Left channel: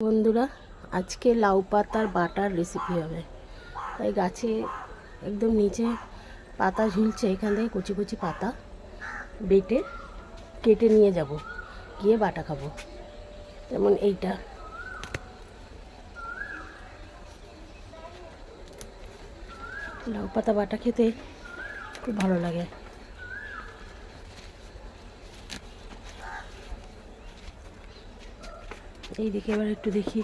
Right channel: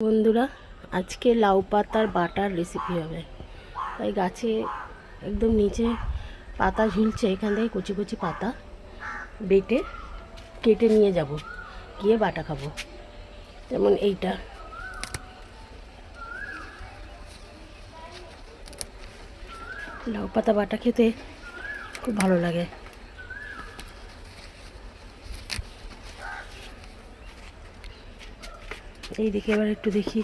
বন্ধুরা, আজকে লাউ পাতার বাটার রেসিপি হবে। তাই গাছে একদম নিচে পাতা ঝুলছে, এখান থেকে কচি কচি পাতা বেটে কেটে নিয়ে যাব, গিয়ে বাটা খাব। যেমন এইটা। লাউ পাতা বাটা খেতে খুব ভালো লাগে। এইদিকে এবার একটু দেখি।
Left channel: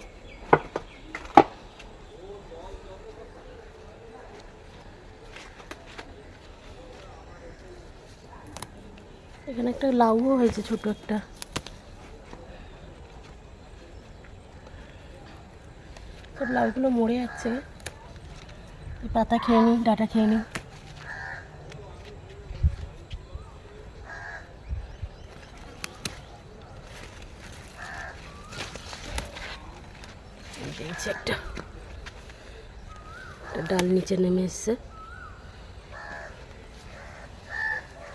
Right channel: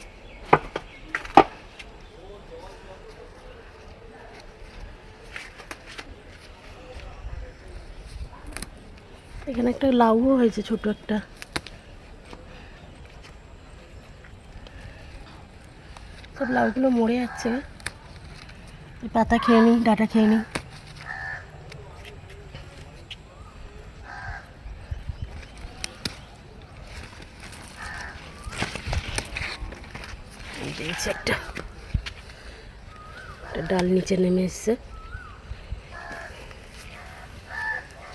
এখানে একটা লাউও হয়েছে ছোট একটা। সব লাউগুলো মরে যাচ্ছে পাতা খেয়ে নিই ডাটা খেয়ে নিই একটা ডাল নিচে নেমে এসছে।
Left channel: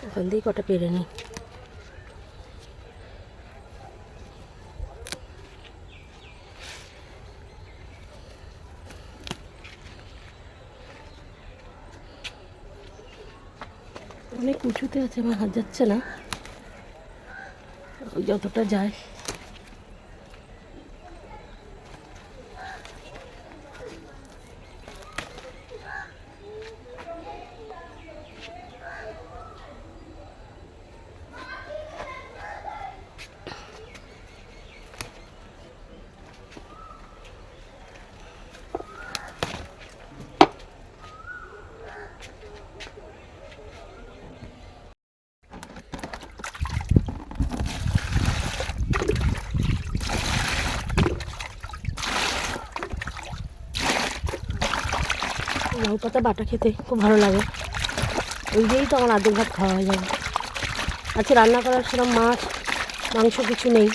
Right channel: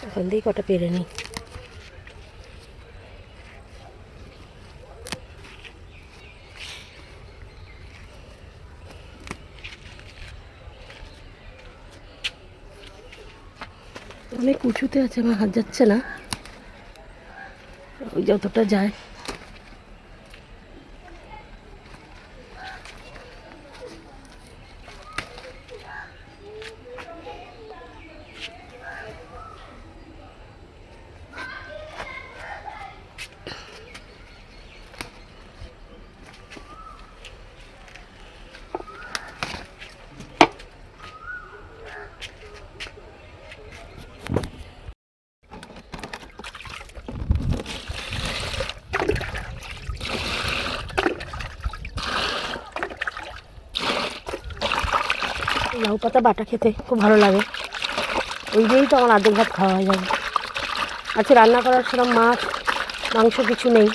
ওখান দিয়ে কটা পেরে নিই। অনেক উঁচুতে আছে, আমার হাত যাচ্ছে না। যতটা যায়। লাউ পাতা বাটা খেতে খুব ভালো লাগে। ওই দিয়েই তো আমার আর্ধেক ভাত খাওয়া হয়ে যাবে। আচ্ছা রান্না করার সেরকম মাছ, মাংস কিছু নেই।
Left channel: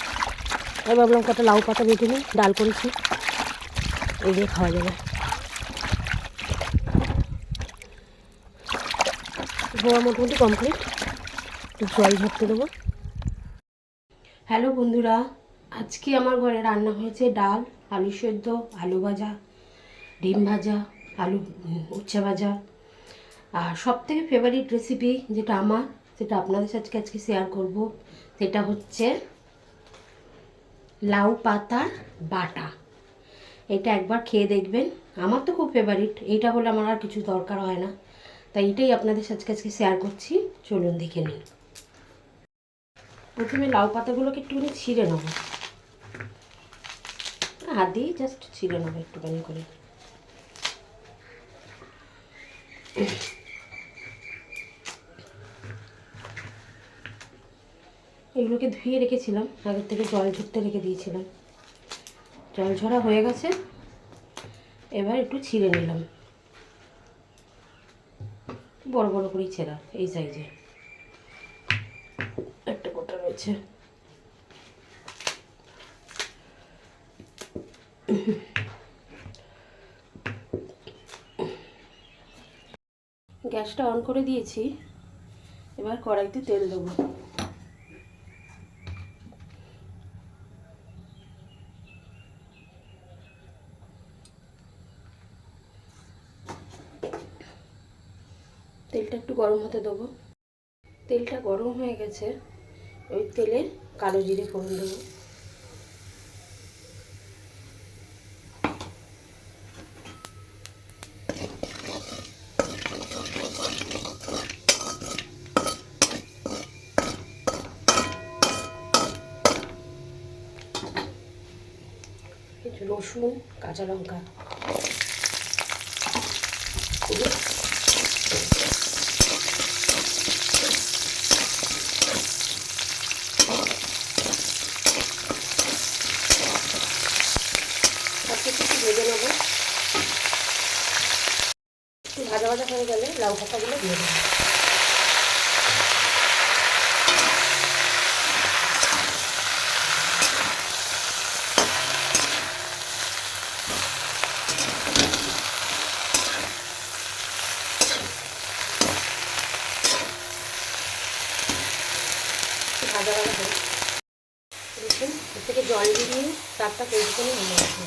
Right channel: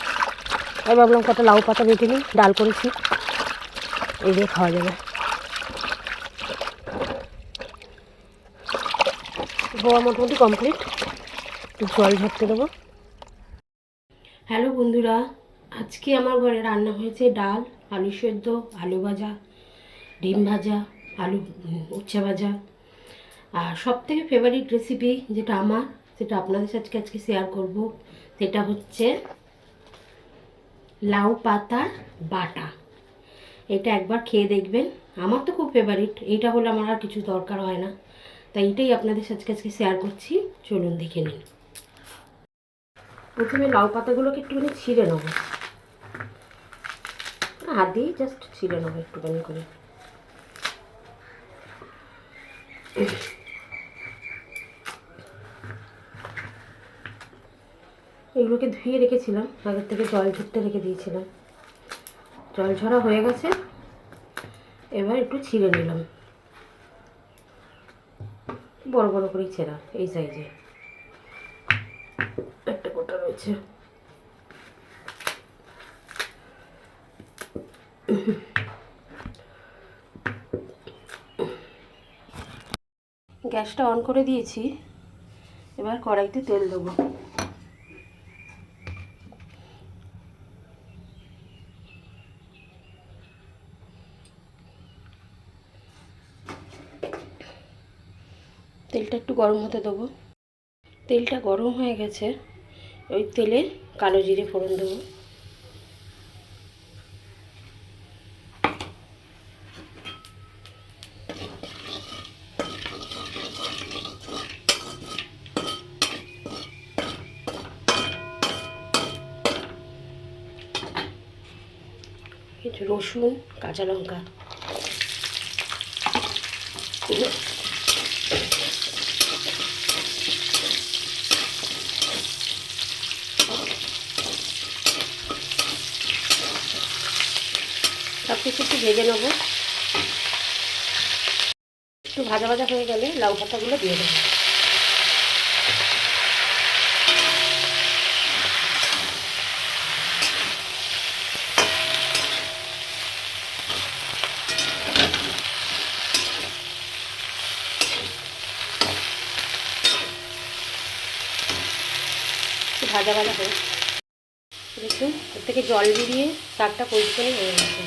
তাই ভাবলাম কটা লাউ পাতা বেটে নিই, ডাল করেছি। এই দিয়ে খাওয়া যাবে। ধোয়া মোটামুটি কমপ্লিট একটু জল ঝরতে দেবো। হ্যালো বন্ধুরা, আজকে আমার ঘরে রান্না হয়েছে ডাল, আলু সেদ্ধ, আলু ভাজা, ডিম ভাজা। আলু উচ্ছে ভাজা। আর সব থেকে ফেভারিট রেসিপি যেটা আমার, সেটা আপনাদের সাথে আজকে শেয়ার করব, সেটা হচ্ছে লাউ পাতার বাটা। এটা একবার খেয়ে দেখবেন। আমার তো খুব ফেভারিট এইটা হলে আমার আর কিছু দরকার হয় না। তাই এটাই আপনাদের সাথে আজকে শেয়ার করছি। চলুন দেখে নিন প্রথমে লাউ পাতাগুলোকে একটুখানি ছিঁড়ে নেব। হাত দিয়ে জাস্ট ছিঁড়ে নেব একটুখানি করে। এগুলোকে ধুয়ে রেখেছিলাম আগের থেকে জল ঝরতে রেখে দিয়েছিলাম। জল ঝরা হয়ে গেছে, এবার একটু ছিঁড়ে নিলাম। বড় বড় করেই ছেঁড়া, এই সাইজে একটা গোটা রয়েছে। গ্যাসটা অন করে দিয়েছি। এবার কড়াইতে তেল দেবো। তেলটা একটু গরম হতে দেবো। তেলটা গরম হয়ে গেছে। ওই তেলে কালো জিরে ফোড়ন দেবো কিছু রসুন, কাঁচা লঙ্কা। একটু ভেজে নেব। একটু ভাজা ভাজা হয়ে গেলে লাউ পাতাগুলো দিয়ে দেবো। একটু ভাজা ভাজা হোক। দেখুন, এর থেকে জল বেরিয়ে চারটা পজিশনে হয়ে গেছে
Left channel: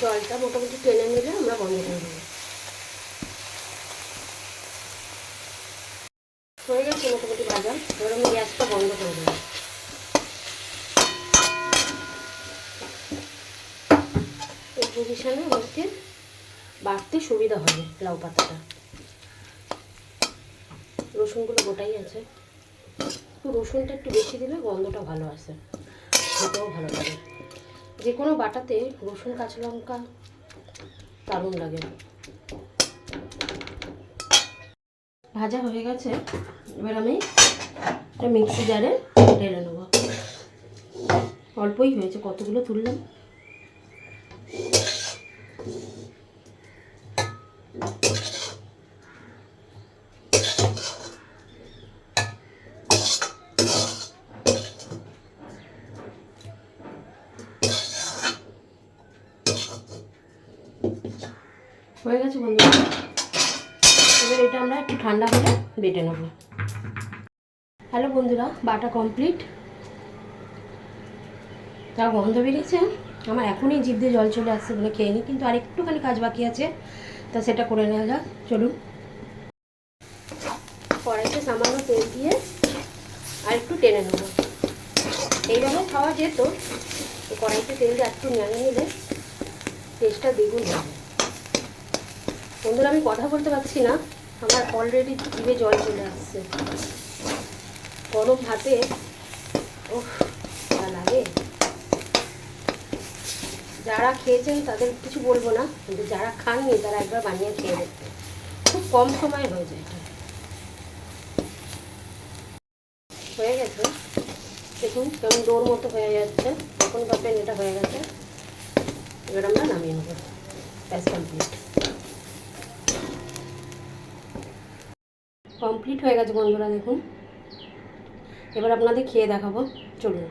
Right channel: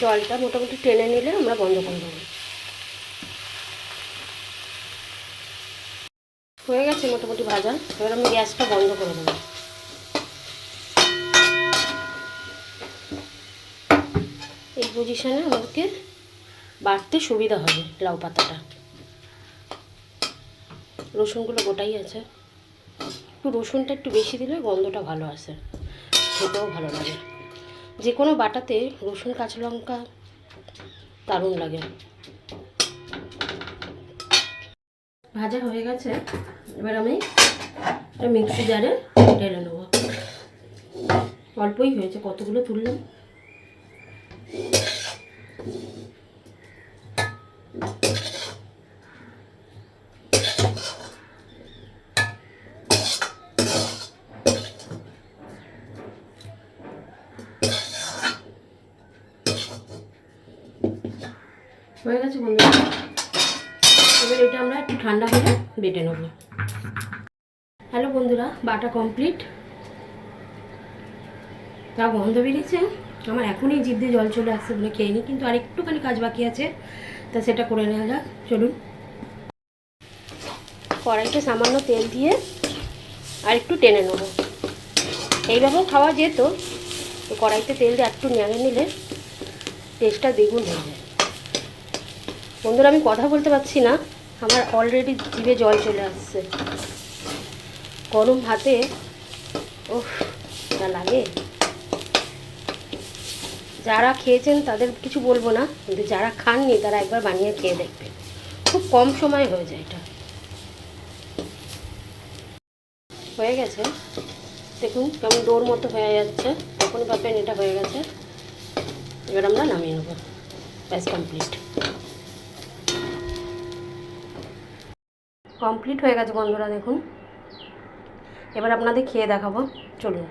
জলটা মোটামুটি টেনে নিলে আমরা বন্ধ করে দেবো হয়ে গেছে মোটামুটি ভাজা। এবার আমি গ্যাসটা বন্ধ করে দেবো এই পজিশনে আমাদেরকে বাটতে সুবিধা হবে লাউ পাতাটা। রসুনগুলো গোটাই আছে। রসুনটা একটু বেশি দিলে গন্ধটা ভালো আসে। খেতেও ভালো লাগে। যে কোনো বাটাতে রসুন, কাঁচা লঙ্কা দারুণ লাগে। ভাজা হয়ে গেছে। এবার আমি একটা মিক্সি জারে ঢেলে নেব। অল্পই হয়েছে, কতগুলো তুললাম? হয়ে গেছে বন্ধুরা। এবার এটা আমরা একটু ঠান্ডা হলে বেটে নেব। হ্যালো বন্ধুরা, বাটা কমপ্লিট যা গন্ধ বেরিয়েছে? আমার এখনই জিভ দিয়ে জল চলে আসছে বলে খেয়ে নিই কিন্তু আর একটুখানি কাজ বাকি আছে, তা সেটা করে নেওয়া যাক, চলুন। কড়াইতে সামান্য তেল দিয়ে আর একটু টেনে নেব। এইভাবেও খাওয়া যেত, তো কড়াইতে তেল দিয়ে একটু নেড়ে নিলে টেস্টটা দ্বিগুণ যায়। বন্ধুরা, আমি কথা বলতে পারছি না। আমার অলরেডি জিভে জল চলে আসছে। গরম ভাতে ও লাগে। যারা খেয়েছেন, তাদের কিছু বলব না। কিন্তু যারা খাননি, তারা একবার বানিয়ে খেয়ে দেখবে। খুব কম সময় হয়ে যায় এটা। হয়ে গেছে। দেখুন কেমন ডোর মতো হয়ে যাচ্ছে। এখন পাবেন এটা হয়ে গেছে। এবার আমরা নামিয়ে নেব। ব্যাস কমপ্লিট কমপ্লিট হয়ে গেছে বন্ধুরা দেখুন। এবার আপনাদের খেয়ে দেখাবো। চলুন।